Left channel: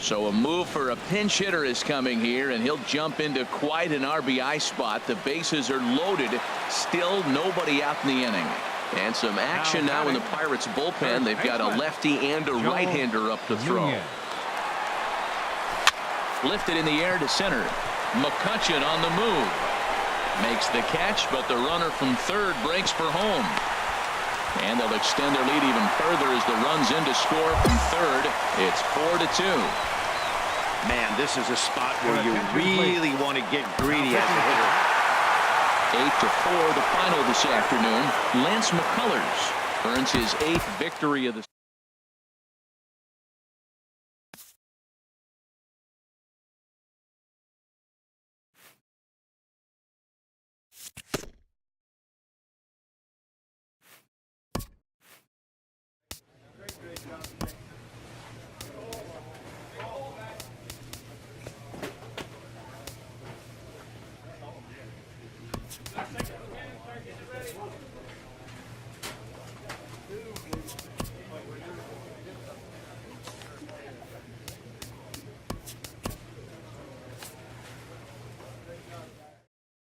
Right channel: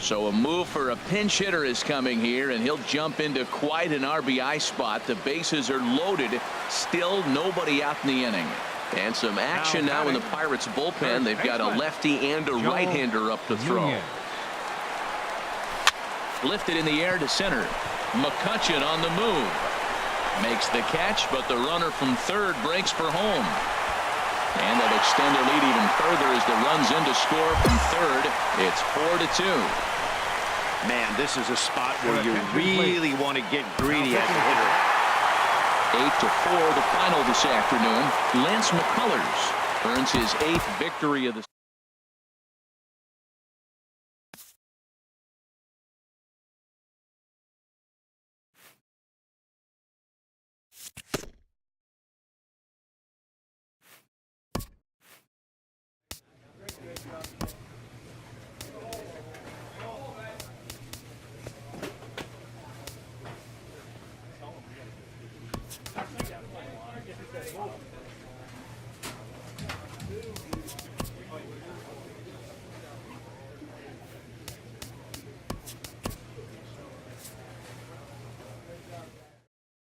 So a move for a pinch hitter is coming here, and he'll jump into quite an RBI spot. The bases are loaded. Still nobody out in the inning. And some action now in the Pirates bullpen. They've got a lefty and a right-hander up to throw. Lifted in the air to center. McCutchen on the move. Makes the catch, but the runner from third breaks for home. And they'll extend their lead even further as the run's in to score from third. It's 4-2. Man, this is a spot where you really want to get greedy as a hitter. 8-4 the final this afternoon. Lance McCullers earns his 8th victory of the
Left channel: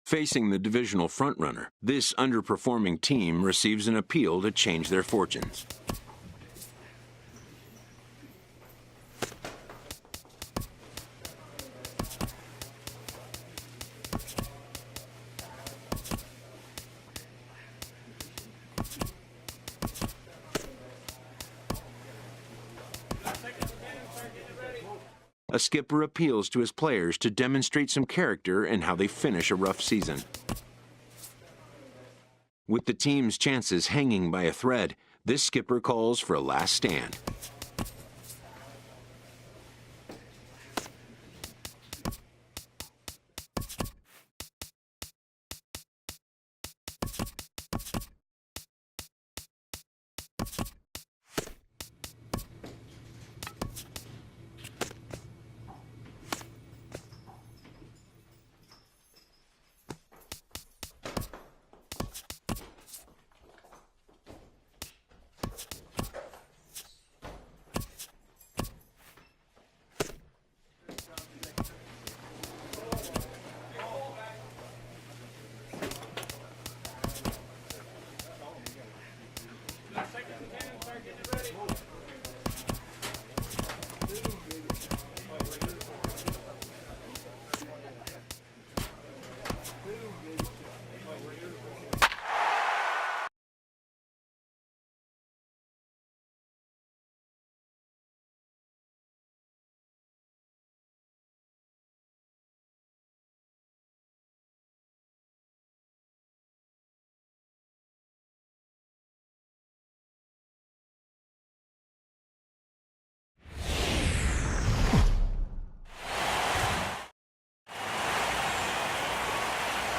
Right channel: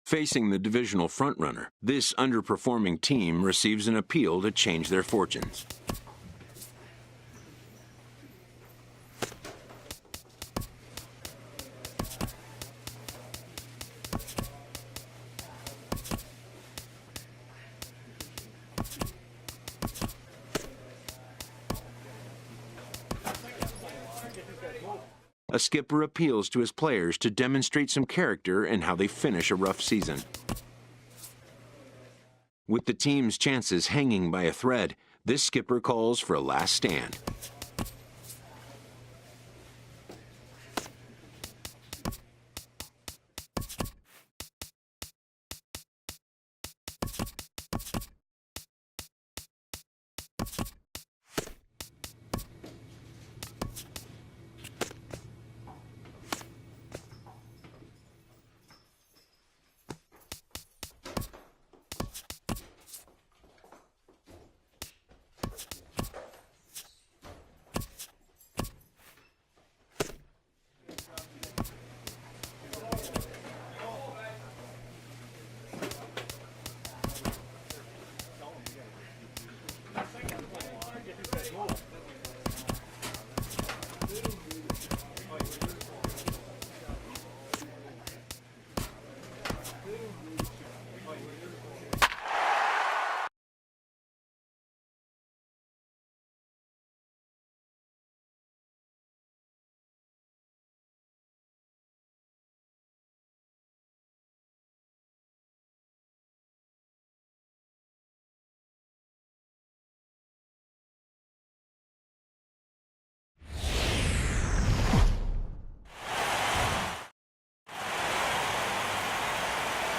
Facing the divisional frontrunner, this underperforming team receives an appeal to change their fortunes. A skipper appeals to his players to demonstrate some character in how they finish a rough season. With the team's chances hanging by a thread, this skipper calls for a last stand.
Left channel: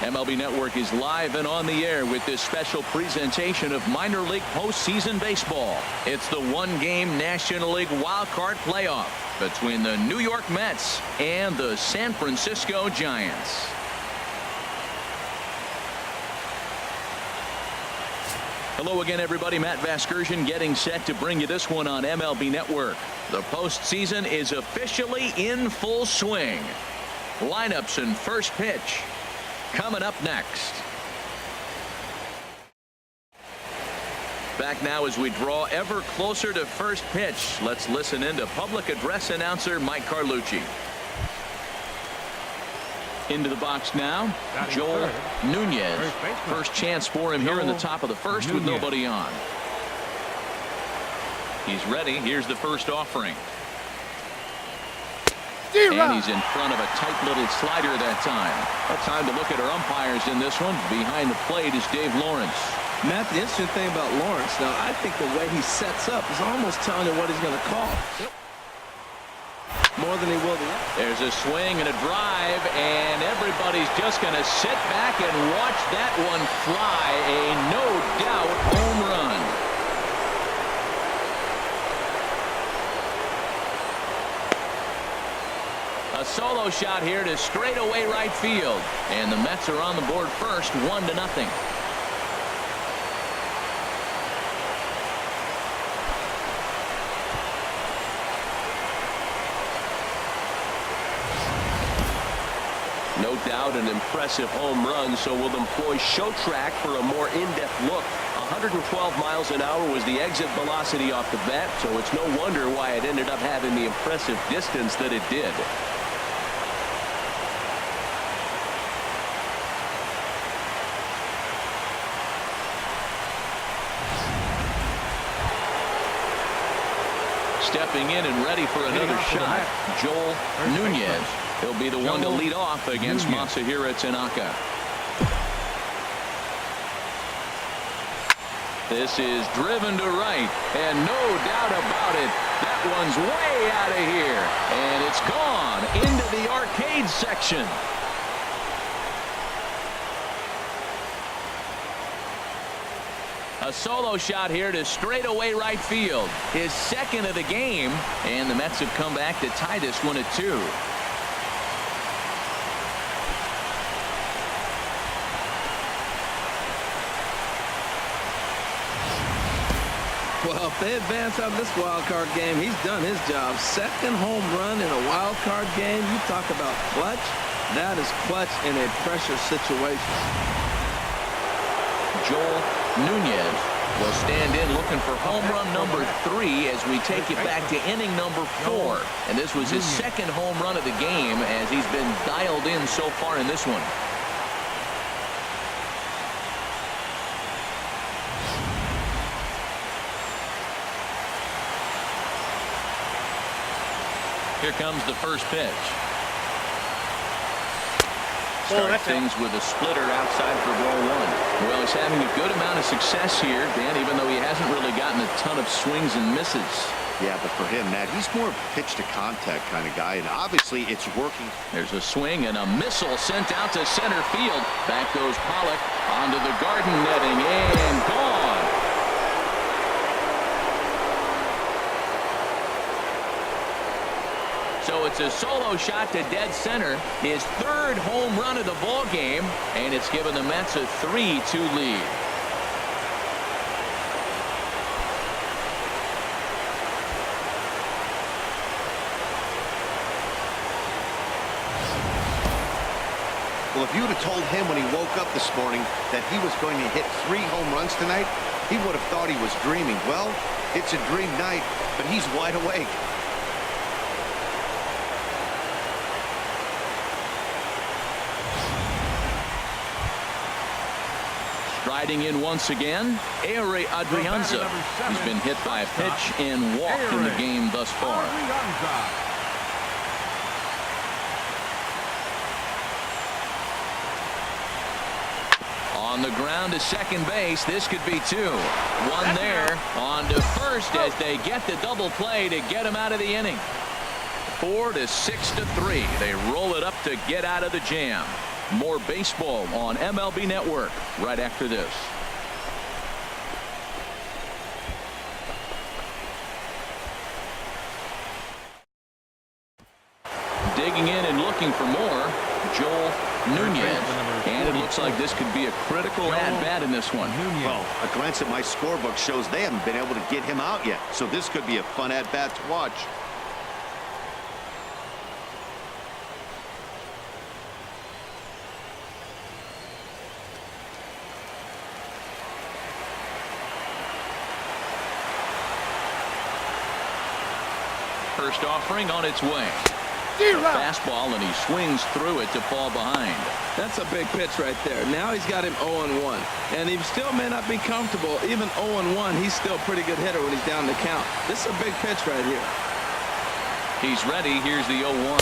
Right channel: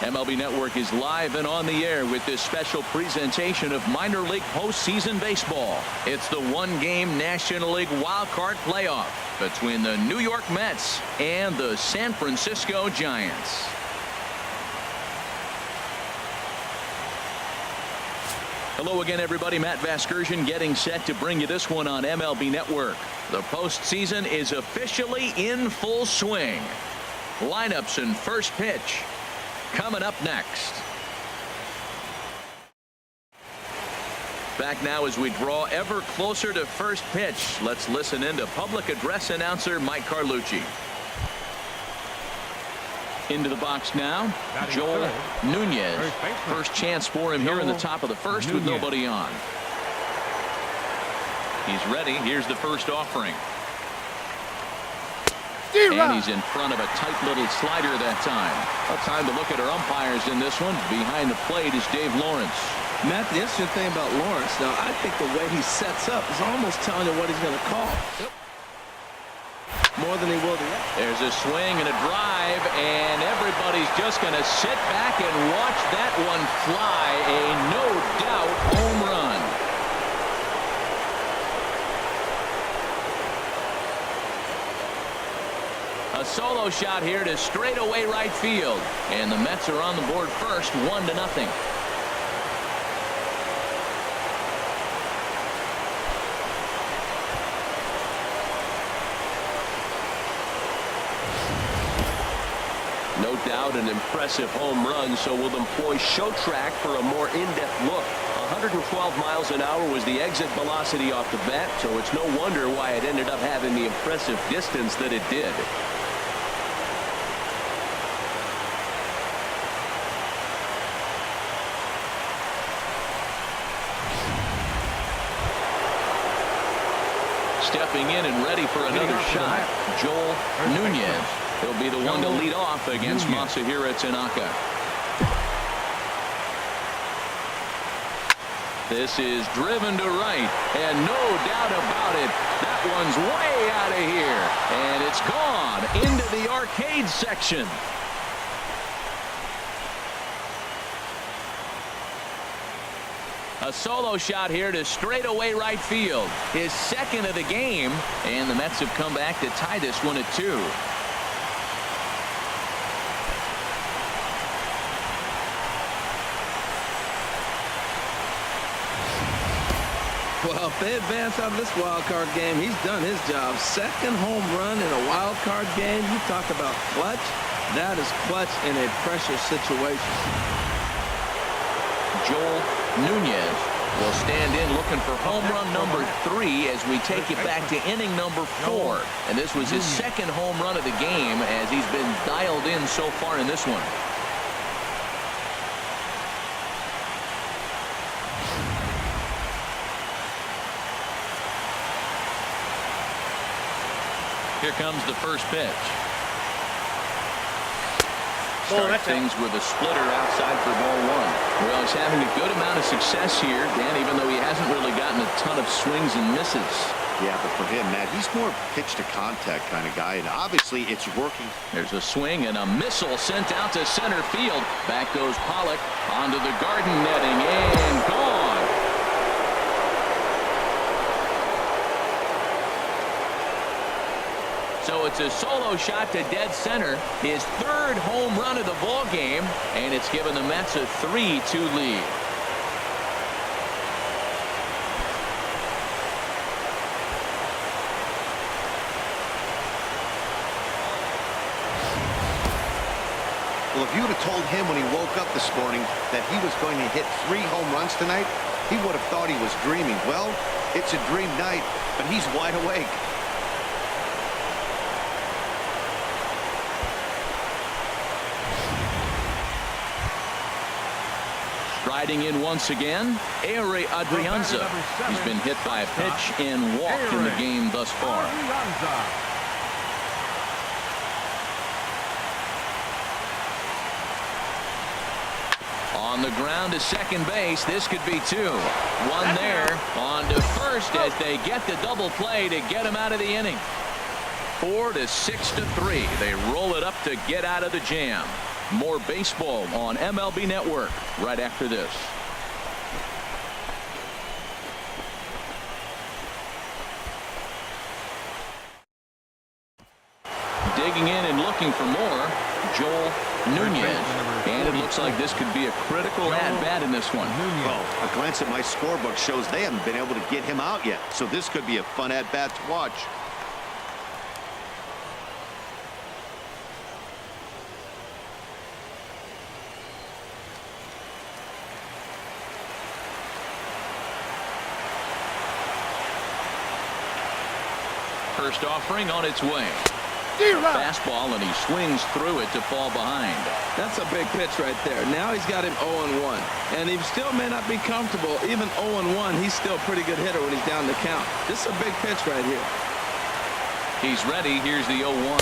MLB Network is live and on the air with this special presentation of minor league postseason baseball. It's the one-game National League Wild Card playoff between the New York Mets and the San Francisco Giants. Hello again, everybody. Matt Vasgersian getting set to bring you this one on MLB Network. The postseason is officially in full swing. Lineups and first pitch coming up next. Back now as we draw ever closer to first pitch. Let's listen in to public address announcer Mike Carlucci. Into the box now, Joel Nunez. First chance for him here in the top of the first with nobody on. He's ready. Here's the first offering. And he's in front of a tight little slider that time. A time to look at our umpires in this one. Behind the plate is Dave Lawrence. Matt, the interesting thing about Lawrence, now, I think the way he sets up is almost telling you what he's going to call. More than he will the other. There's a swing and a drive, and everybody's just going to sit back and watch that one fly. A no-doubt home run. A solo shot here to straightaway right field. And the Mets are on the board first, 1-0. No doubt an impressive home run, so we'll employ Show Track for a more in-depth look. 112 miles an hour was the exit velocity off the bat, so it's no wonder why it ended up having the impressive distance that it did. Stepping in and ready for another shot, Joel Nunez. He'll be the one to lead off against Masahiro Tanaka. This is driven to right, and no doubt about it, that one's way out of here, and it's gone into the arcade section. A solo shot here to straightaway right field. His second of the game, and the Mets have come back to tie this one at 2. Well, if they advance out of this wild card game, he's done his job. Second home run in a wild card game. You talk about clutch. That is clutch in a pressure situation. Joel Nunez will stand in looking for home run number 3 as we take it back to inning number 4. And this was his second home run of the game as he's been dialed in so far in this one. Here comes the first pitch. Starts things with a splitter outside for ball 1. Well, he's having a good amount of success here, Dan, even though he hasn't really gotten a ton of swings and misses. Yeah, but for him, Matt, he's more pitch to contact kind of guy, and obviously it's working. There's a swing and a missile sent out to center field. Back goes Pollock onto the garden netting and gone. So it's a solo shot to dead center, his third home run of the ball game, and it's given the Mets a 3-2 lead. Well, if you would have told him when he woke up this morning that he was going to hit 3 home runs tonight, he would have thought he was dreaming. Well, it's a dream night, but he's wide awake. Striding in once again, Ehire Adrianza. He's been hit by a pitch and walked in the game thus far. On the ground to second base, this could be 2. One there, on to first as they get the double play to get him out of the inning. 4-6-3. They roll it up to get out of the jam. More baseball on MLB Network right after this. Digging in and looking for more, Joel Nunez. And it looks like this could be a critical at-bat in this one. Well, a glance at my scorebook shows they haven't been able to get him out yet, so this could be a fun at-bat to watch. First offering on its way. A fastball, and he swings through it to fall behind. That's a big pitch right there. Now he's got him 0-1. And he still may not be comfortable. Even 0-1, he's still a pretty good hitter when he's down the count. This is a big pitch right here. He's ready. Here's the 0-1.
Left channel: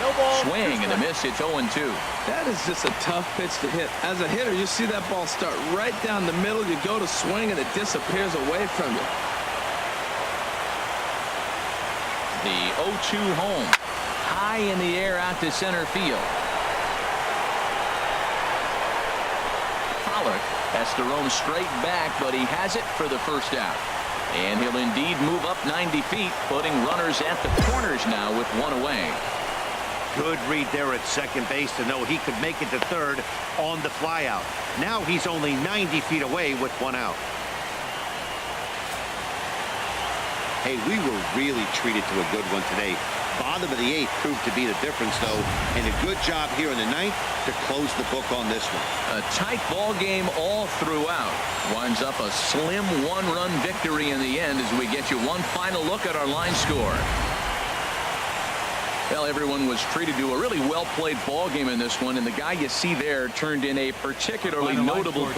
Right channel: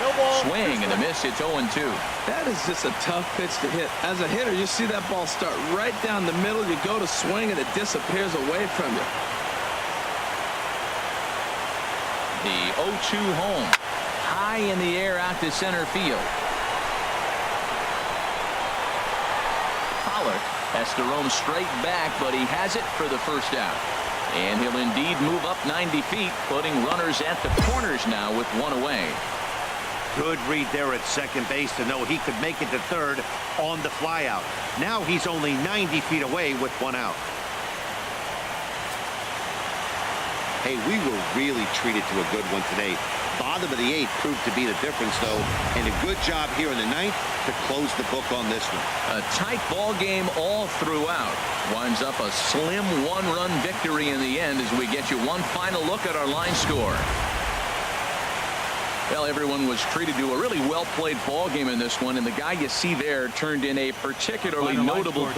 No ball. Swing and a miss. It's 0-2. That is just a tough pitch to hit. As a hitter, you see that ball start right down the middle. You go to swing, and it disappears away from you. The 0-2 home. High in the air out to center field. Pollock has to roam straight back, but he has it for the first out. And he'll indeed move up 90 feet, putting runners at the corners now with 1 away. Good read there at second base to know he could make it to third on the flyout. Now he's only 90 feet away with 1 out. Hey, we were really treated to a good one today. Bottom of the 8th proved to be the difference, though, and a good job here in the 9th to close the book on this one. A tight ball game all throughout. Winds up a slim one-run victory in the end as we get you one final look at our line score. Well, everyone was treated to a really well-played ball game in this one, and the guy you see there turned in a particularly notable